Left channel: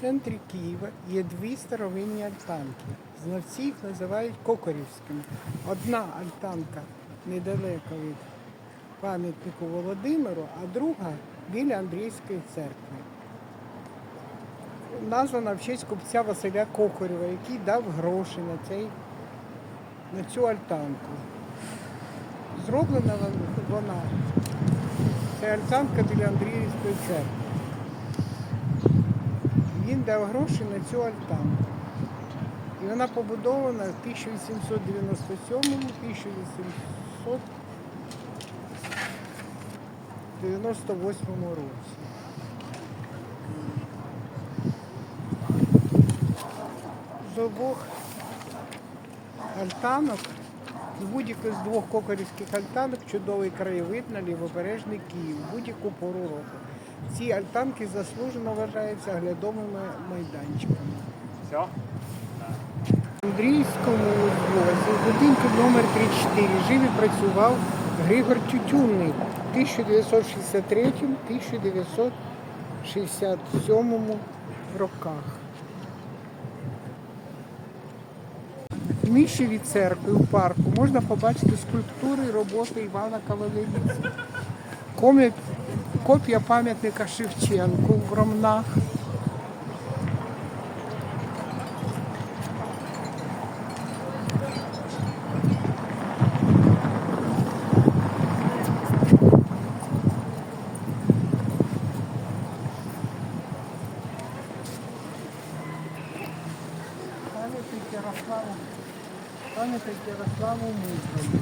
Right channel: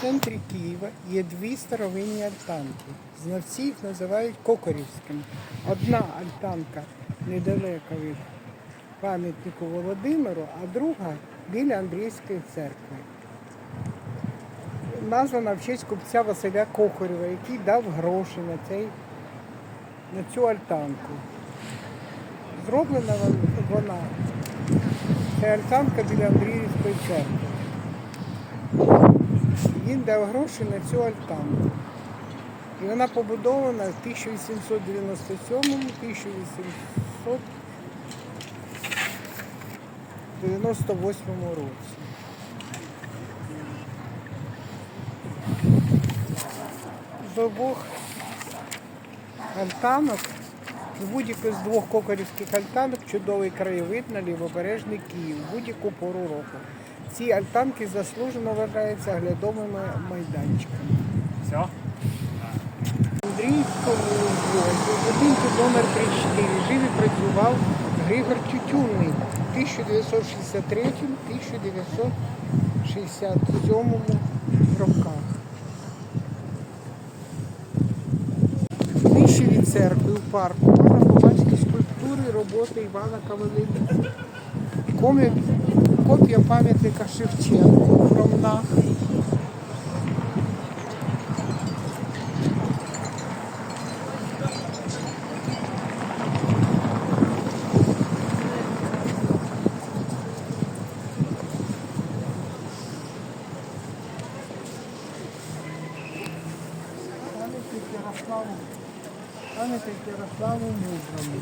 центрі Києва є дві старовинні альтанки. Знавці їх називають кокорівськими. Одна альтанка недалеко від пам'ятнику Володимиру, а друга біля Андрійської церкви. Названа в честь купця Василя Кокорєва, який дав гроші на, цей, на цю альтанку. Зроблена вона. Це альтанка біля Андріївської церкви. Він дав гроші на цю альтанку. І вона побудована в 1897-1898 році. З обох альтанок, з будь-якої з двох кокорівських альтанок чудовий краєвид на лівобережний Київ будь-яку пору року. Ці альтанки заслужено вважаються оглядовими майданчиками. Все? Андрійському узвозі в будинку номер 34 жив і працював Григор Тютюнний в 1963-1967 роках. Нижче від церкви у парку можна побачити скульптури роботи Івана Кавелеліця. Комі- Копія пам'ятника Шевченку в Ромнах. Пам'ятник Ярославу, пам'ятник Ярославу Мудрому.